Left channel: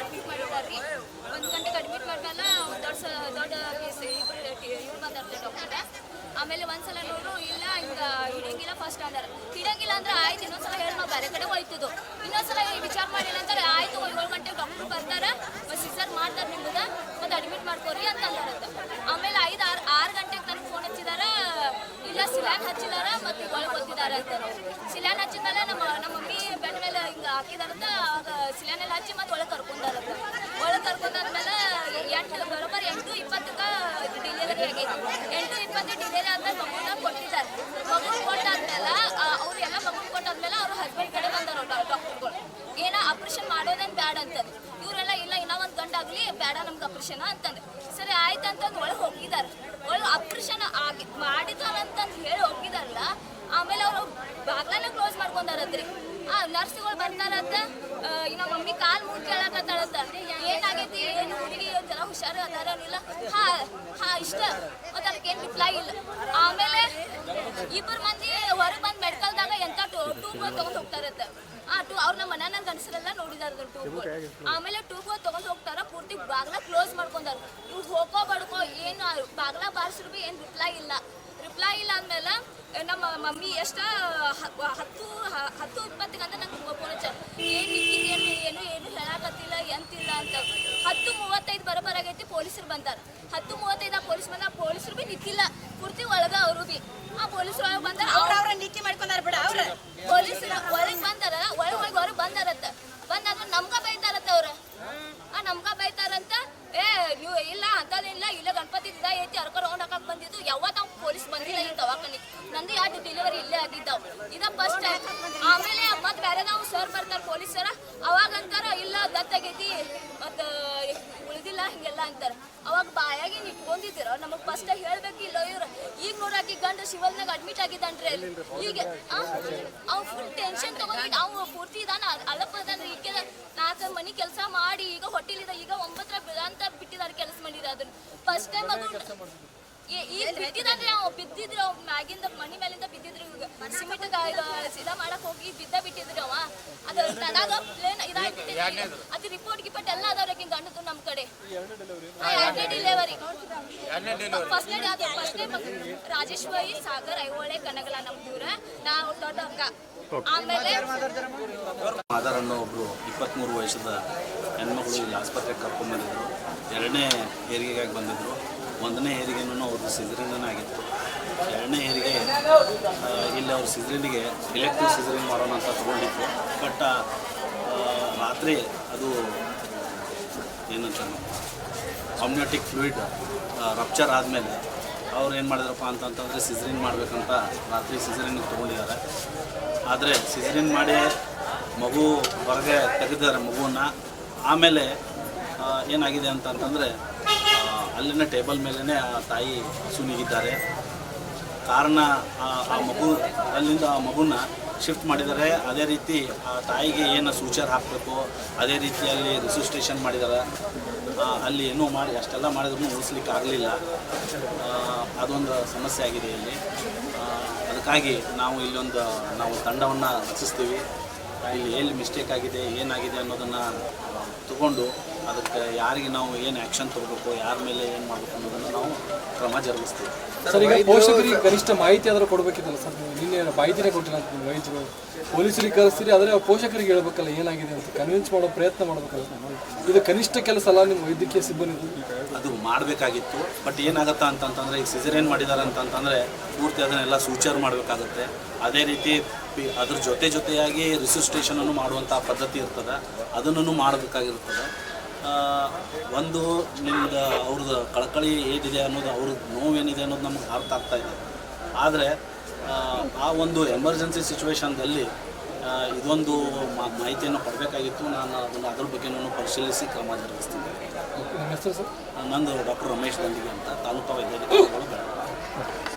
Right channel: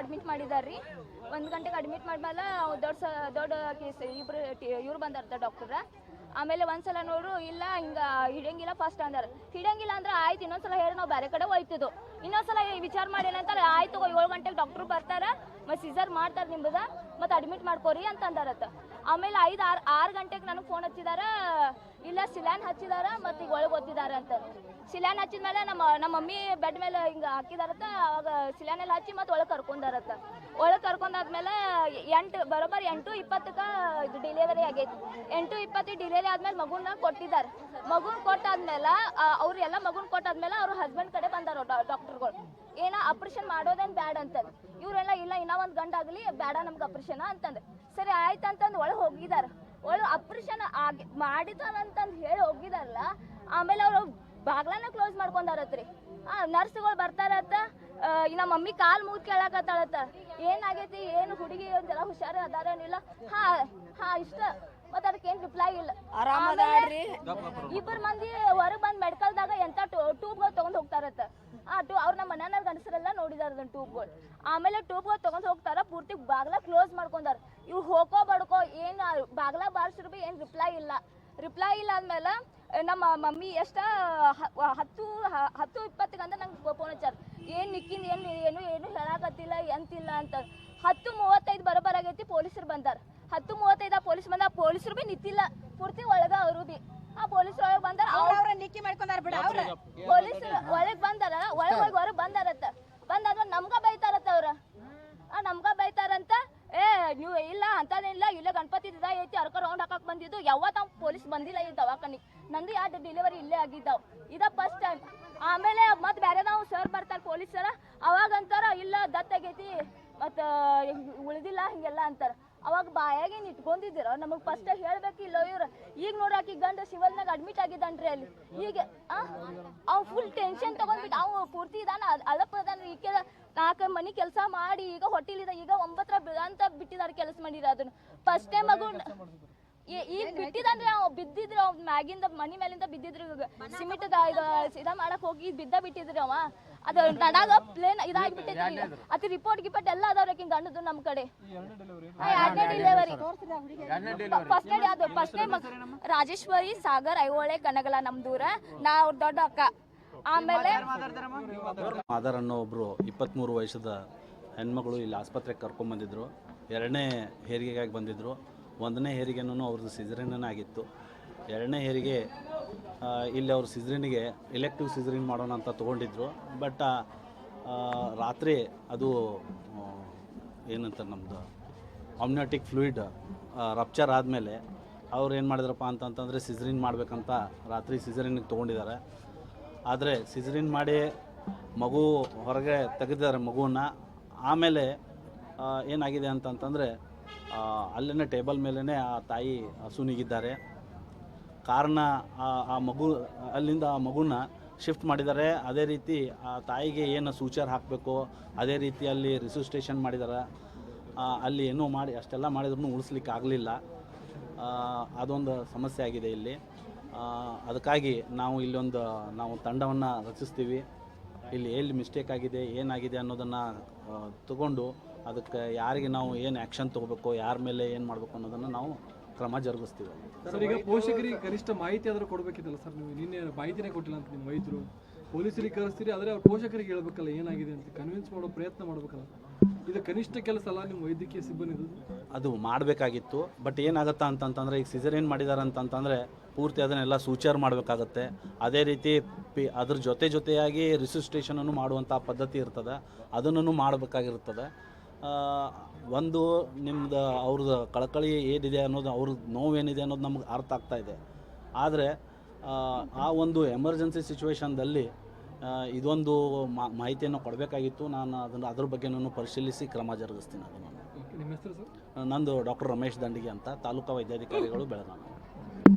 Admit ಮಾಡಿದಾರ್ರಿ. 1 ಗಂಟೆಗೆ admit ಮಾಡ್ಮೇಲೆ ದೊಡ್ಡ case ಇವ್ರು ಬಂದಾರ್ತಾರೆ ಡಾಕ್ಟರ್. ಆಮೇಲೆ ಒಂದ್ಸಲ ನೋಡು ಇಲ್ಲ ಹಿಂಗೆ ಹಿಡಿಯಂಗಿಲ್ಲ ಫಸ್ಟ್ ಅಂದಾರ. ಹಿಡಿಯಂಗಿಲ್ಲ ಅಂದ್ರೆ ಆಯ್ತು ಇನ್ನೊಂದ್ಸಲ ಹೇಳಿ ನಾವು ಬೇರೆ ಕಡೆ ಹೋಯ್ತದು. ಇನ್ನೊಂದ್ಸಲ ವಿಚಾರ ಮಾಡಿ ಏನಂತಾರೆ ಆಯ್ತು 7 ಗಂಟೆಗೆ ಡಾಕ್ಟ್ರು ಬರ್ತಾರೆ ಮತ್ತು ಸಿಸರ್ ಮಾಡ್ತಾರೆ ನಿಮ್ದು ಮತ್ತು ಅಡ್ಮಿಟ್ ಮಾಡ್ಕೋರಿ ಅಂತ ಅಂದಾರತ್ತ. ಆಮೇಲೆ 6 ಗಂಟೆಗೆ ನನಗೆ ಫೋನ್ ಹಚ್ಚಿದಾರ, ಇಲ್ಲ ಸಿಲ್ಯಾನ್ ಹಚ್ಚಿದಾರ ಮತ್ತು ಒಳಗೆ ಓದ್ತಿದ್ದಾರೆ ಅಂತ. ಸಿಲ್ಯಾನ್ ಹಚ್ಚಿದ್ಮೇಲೆ ನಮ್ಮ ಮಮ್ಮಿ ಬೆಡ್ ಮೇಲೆ ಹಿಂಗೆ ಹಾಕಿದಾರಂತ. ಆಗ ಸಿಲ್ಯಾನೆಲ್ಲ ಹಚ್ಚಿ ಮತ್ತು ಒಳಗೆ ಕರ್ಕೊಂಡಾರಂತ. ಒಳಗೆ ಕರ್ಕೊಂಡಾದ್ಮೇಲೆ ಬರೋಬ್ಬರಿ 8:20ಕ್ಕೆ ಡಿಲಿವರಿ ಆಗೈತಿ. 8:20 ಡಿಲಿವರಿ ಆದ್ಮೇಲೆ ಮಗುನ ಕೊಟ್ಟಿದ್ದಾರೆ. ಮಗುನ ಕೊಟ್ಟಾದ್ಮೇಲೆ ಅವರೆಲ್ಲ ಮಗುನ ಕೊಟ್ಟಾದ್ಮೇಲೆ ಅವ್ರ ಹಸ್ಬೆಂಡ್ ಕಡೆ ಬಂದಾರ ಡಾಕ್ಟರ್ಗಳು. ಏನೋ ಆಪ್ರೇಷನ್ ಮಾಡೋದೇನು ಬ್ಯಾಡ ಅಂತಂದು. ಇವರೆಲ್ಲ ಇಲ್ಲ ಇನ್ನೂ ಒಂದು ಗಂಡಾಗಲಿ ಬೇಡ ನಮ್ಗೆ ಆಪ್ರೇಷನ್ ಅಂತಂದು. ಸರಿ ಆಯ್ತು ಅಂತಂದು ಒಳಗೆ ಹೋಗಿದ್ದಾರೆ. ಒಳಗೆ ಆಪ್ರೇಷನ್ ಮಾಡಿದಾರಂತಂದು ಹೇಳಿ ಹೋಗಿದಾರಲ್ಲ. ಆಮೇಲೆ ಅವರು ಬಾಗ್ಲನ್ನ ಕ್ಲೋಸ್ ಮಾಡ್ಕೊಂಡಾರತ್ರಿ. ನರ್ಸ್ಗಳು ಬರ್ತಾರತ್ತ. ನಮ್ಮ ಮಮ್ಮಿ ಕಾಲು ಮುಗಿ ಕೇಳಕತ್ತಾಳತ್ತ, ಏನಾಗೈತಿ ಏನು ಹುಡುಗಿ ಒಂದೆಲ್ಲ ಹುಷಾರು ಅದಾರನಿಲ್ಲ. ಇಷ್ಟ ಮತ್ತು ಅದಕ್ಕೇನು ರಿಪ್ಲೈ ಇಲ್ಲ. ಆಮೇಲೆ 2 ಮಂದಿ ಹೊರಗೆ ಬಂದು ಮೆಡಿಕಲ್ದಾಗ ಎಂಥ ಟೂಬ್ಗಳು ತೊಗೊಂಡು ಹೋಗ್ತಾರತ್ತ. ಅವ್ರು ನಮ್ಮ ಮನೆಯ ಗಂಡಸರೆಲ್ಲ ನೋಡಿದಾರ ಟೂಬ್. ಆಮೇಲೆ ಟೂಬ್ಗಳು ತೊಗೊಂಡು ಹೋಗ್ತಾರ, ಪೂರ್ತಿ ಬಾಗ್ಲ ಕ್ಲೋಸ್ ಮಾಡ್ಕೊಂಡಾರ. ಇವ್ರು ಹೋಗೋ ಬಡ್ಕೋ ಏನು ಬಾಗ್ಲ ಬಾರಿಸಿದ್ರು ಭೀ ಏನು ರಿಪ್ಲೈ ಇಲ್ಲ ಅಂದಮೇಲೆ ನಮ್ಮ ಮಮ್ಮಿ 10:20 ಅಂದ್ರೆ ನಂಗೆ ಫೋನ್ ಹಚ್ಚಾರ. ಏನು ಹೇಳಕತ್ತಿಲ್ಲ ಎಂತಿಲ್ಲ ಅಂತ. 10:35 ಬರೋಬರಾಗೈತಿ. ಪೊಲೀಸರು ಬಂದಾರ. 10:35 ಪೊಲೀಸ್ ಬಂದ. ಪೊಲೀಸರು ಭೀ ನಿಂತಿಲ್ಲ, ಪೂರ್ತಿ ಒಳಗೆ ಅವರು ಭೀ ಪೊಲೀಸ್ ಒಳಗೆ ಬಂದಾರ. ಅವ್ರ ನೀತಿ ಮಾಡ್ಕೊಂಡಾರ ಬಿಡ. ಪೊಲೀಸರು ಒಳಗೆ ಬಂದಾರ, ಹೊರಗೆ ಬಂದಾರತ್ತ. ಬಂದಾದ್ರೆ ನಮ್ಗೆ ಬೈತಾರತ್ತ. ನಮ್ಗೆ ಬೈತಾರಂತ. ನೀವು ಇಲ್ಲ ಅಂತದೇನಿಲ್ಲ, ಇಲ್ಲ ಗಣಪತಿ ಐತಿ ಅರ್ಕ ರೌಂಡ್ ಹಾಕಕ್ಕೆ ಬಂದಿದ್ದು. ಯಾವತ್ತು ನಾವು ಪೊಲೀಸ್ ಬಂದಿಲ್ಲ ಈ ದವಾಖಾನೆ. ನಂದು 2 ಡೆಲಿವರಿ ಇಲ್ಲೇ ಆಗಿದ್ದಾವೆ. ಇದು ಫಸ್ಟ್ ಟೈಮ್. ಆಮೇಲೆ ಮತ್ತೆ ಬೇರೆ ನಾವು ಸರ್ ಬರ್ತಾರೆ ಪೊಲೀಸರ. ಅವಾಗ ಅಂತಾರ ಇಲ್ಲ ದತ್ತಾಗೈತಿ ಮತ್ತು ಉಳಿದಿಲ್ಲ ಹಿಂಗೆಲ್ಲ ಅಂತಾರೆ. ಅವಾಗ ಬಾಯಾಗಿ ಇಟ್ಕೊಂಡಿದ್ದೀರ ನಮಗೆ ಫಸ್ಟ್ ಹೇಳ್ಬೇಕಿಲ್ಲ ಇವ್ರು. ಈಗ ನೋಡಾಕಿ ಗಂಡ ಶಿವಲ್ನಾಗ ಅಡ್ಮಿಟ್ ಆಗಿದ್ದಾನ್ರಿ ಅಲ್ಲಿ. ಈಗ ಅವ್ನು ಫುಲ್ ಟೆನ್ಷನ್ ತಗೊಂಡಿದ್ದು. ಅವ್ನು ಪೂರ್ತಿ ಇದಾನ ಅಳಪದಾನ. ಈಕೆ 4 ಮನೆ ಕೆಲಸ ಮಾಡಿ ಈಗ ಹೊಟ್ಟಿಲಿದ. ಈಗ 9 ಅಂತ ಬಿಟ್ಟಿದ್ದಾರೆ ಕೆಲಸ ಮಾಡಿರ. ಅದನ್ನ ಫಸ್ಟ್ ಟೈಮ್ ಮಗು ಈಗ ಬಿಟ್ಟಿದ್ರೆ ಅವ್ ಬಿದ್ದಿದ್ರು. ಅವ್ ಮ್ಯಾಗಿಂದ ಮನಿ ಮೇಲಿಂದ ಬಿದ್ದಿದ್ರು. ಸಿಮೆಂಟ್ ಸಿದಾ ಮಾಡಕ್ ಹೋಗಿ ಬಿಟ್ಟಿದ್ರು ಅವ. ಅದು ತಡಾಗ ಪ್ಲೇನ್ ಇದಾಗ್ಬಿಟ್ಟಿದೆ. ಅದು ರಿಪೋರ್ಟ್ ಗಿಪೋರ್ಟ್ ಎಲ್ಲ ಅದಾವ್ರಿ ಗಂಡದು ನಮ್ಮ ಕಡೆ. 2ನೇ ಡೆಲಿವರಿ. ಫಸ್ಟ್ನೇ ರಾಜೇಶ್ವರಿ ಸಾಗರ್ ಐಹೊಳೆ ಕನಗಲ ನಮ್ಮ ದೂರ. ನಾವು ದೊಡ್ಡ ಅಕ್ಕ. ಆಮೇಲೆ ಆಧಾರ್ ಅನ್ನೋ ಒಬ್ಬರು 23 ವರ್ಷದ ಹೆಣ್ಮಗಳು ಇಲ್ಲಿ ಆಸ್ಪತ್ರೆಗೆ ಕರ್ಕೊಂಡ್ಬಂದಿದ್ರು. 2ನೇ ಹೆರಿಗೆಗಾಗಿ ಬಂದಿದ್ದರು. 1ನೇ ಹೆರಿಗೆನೂ ಅವ್ರದ್ದು ಸಿಜರಿನ್ ಆಗಿತ್ತು. 2ನೇ ಹೆರಿಗೆ ಇಲ್ಲಿ ಅವ್ರ ಸಿಜರಿನಿಗೆ ಎಲೆಕ್ಟ್ರಿಕ್ ಸಿಜರಿನ್ ಮಾಡೋಣ ಅಂತ ತೊಗೊಂಡಿದ್ರು. ಬಟ್ ರಾತ್ರಿ ಅದು ಏನಂತ ಅಮ್ನಿಯೋಟಿಕ್ ಫ್ಲೂಯಿಡ್ ರಪ್ಚರ್ ಆದಮೇಲೆ ಅವ್ರು ಏನು ಮಾಡಿದ್ರಪ್ಪ ಅಂತಂತಂದರೆ ಸಿಜರಿನ್ ಮಾಡಬೇಕಂತ ರಾತ್ರಿ ಸಿಜರಿನ್ಗೆ ತೊಗೊಂಡಿದ್ದಾರೆ. ಆದರೆ ಸಿಜರಿನ್ ಮಾಡಿ ಮಗು ಹೊರಗೆ ತೆಗೆದಿದ್ದಾರೆ ಮಗುವನ್ನು. ಆಮೇಲೆ ಏನಾಗಿದೆ ಅಂತಂತಂದರೆ ಅಲ್ಲಿನ ಟೇಬಲ್ ಮೇಲೇ ಆ ತಾಯಿ ಹಸುನಿಗಿದ್ದಾರೆ. ಕಾರಣ ಆ ಮಗು ಅಲ್ಲಿಂದ ಆ ಮಗುನ ಶಿಫ್ಟ್ ಮಾಡಿದ್ದಾರೆ. ಅದೇ ರೀತಿ ಆ ತಾಯಿಗೆ ಏನು ಸೂಚರ್ ಹಾಕಬೇಕು ಅದೇ ರೀತಿಯಲ್ಲಿ ರಿಸಿಸ್ಟೇಷನ್ ಮಾಡಿದ್ದಾರೆ. ಅಲ್ಲಿ ಏನೋ ಮಾಡಿ ಅಷ್ಟೆಲ್ಲ ಮಾಡಿದ್ರೂ ಉಳಿಸ್ಲಿಕ್ಕೆ ಆಗಲಿಲ್ಲ. ಅದೊಂದು ಸಮಸ್ಯೆ ಆಗಿದೆ ಇಲ್ಲಿ. ಅದಕ್ಕಾಗಿ ನಾವು ನಾವು ತಂಡವನ್ನು ರಚಿಸ್ತೀವಿ. ಇಲ್ಲಿ ಎಲ್ಲಿ ಮಿಸ್ಟೇಕ್ ಆಗಿದೆ ಏನಾಗಿದೆ ಅನ್ನೋದನ್ನು ತಗೊಂಡು ಅದಕ್ಕೆ ಯಾರಿಗೆ ನಾವು ಏನು ಆ್ಯಕ್ಷನ್ ತಗೋಬೇಕು, ಯಾರ ಮೇಲೆ ಏನು ಮಾಡಬೇಕು ಅನ್ನೋದನ್ನು ನಾವು ಕ್ರಮ ಜರುಗಿಸ್ತೀವಿ. ಸರ್, ಈಗ ಪೋಷಕರಿಗೆ ಕನಿಷ್ಠ ಮಾಹಿತಿ ಆದರೂ ಕೊಡಬೇಕಿದ್ದಲ್ಲ ಸರ್? ನೀವು ನಿನ್ನೆ ಮಾಹಿತಿನೇ ಕೊಟ್ಟಿಲ್ಲ ಅಂತ ನಿಮ್ಮ ವೈದ್ಯರು. ಪೊಲೀಸರಿಗೆ ಕಳಿಸ್ತೀರಿ, ಆದರೆ ಪೋಷಕರಿಗೆ ಹೇಳ್ಬೇಕಲ್ಲ ಏನಾಗಿದೆ ಅಂತ, ಕನ್ವಿನ್ಸ್ ಮಾಡೋ ಪ್ರಯತ್ನ ಮಾಡಬೇಕಲ್ಲ. ಇದು ಕನಿಷ್ಠ ಕೆಲಸ ಅಲ್ಲ ನಿಮ್ಮ ವೈದ್ಯಕೀಯ ಸಿಬ್ಬಂದಿ? ಅದು ಮಾಡಬೇಕಾಗಿತ್ತು. ಬಟ್ ಏನಾಗುತ್ತಾ ಅಂತಂತಂದರೆ ಈಗ ಸಿಜರೇನ್ ಮಾಡಿದ್ದಾರೆ ಅಂತಂತಂದರೆ ಪೂರ್ತಿ ಅದನ್ನೆಲ್ಲ ಸೂಚರ್ ಮಾಡಬೇಕಾಗತ್ತೆ. ಅದೇ ರೀತಿ ಅದ್ರ ಜೊತೆಯಾಗಿ ರಿಸಿಸ್ಟೇಷನನ್ನು ಮಾಡುವಂಥ ಪದ್ಧತಿ ಇರ್ತದೆ, ಅದನ್ನು ಮಾಡಬೇಕಾಗಿರ್ತದೆ. ಒಂದು ನಿಮ್ದು ಅವ್ರದ್ದು ಕಳಕಳಿ ಏನಿದೆ ಅನ್ನೋದು, ಅವ್ರದ್ದು ನೋವೇನಿದೆ ಅನ್ನೋದು ನಮ್ಗೆ ಅರ್ಥ ಆಗ್ತಾಯಿದೆ. ಆದರೆ ಆ ಒಂದು ಎಮರ್ಜೆನ್ಸಿ ಸಿಚುವೇಶನ್ದಲ್ಲಿ ಇದೊಂದು ಮಾಹಿತಿಯನ್ನು ಕೊಡಬೇಕಾಗಿತ್ತು. ನಾನು ಅದ್ರ ಬಗ್ಗೆನೂ ಪರಿಶೀಲಿಸಿ ಕ್ರಮ ಜರುಗಿಸ್ತೀನಿ. ನಿಮ್ಮ ಹೆಸರು ಸರ್? ನಂದು ಡಾಕ್ಟರ್ ರಮೇಶ್ ದಂಡಿಗೆ ಅಂತ, ತಾಲೂಕಾ ವೈದ್ಯಾಧಿಕಾರಿಗಳು ಬೆಳಗಾವಿ.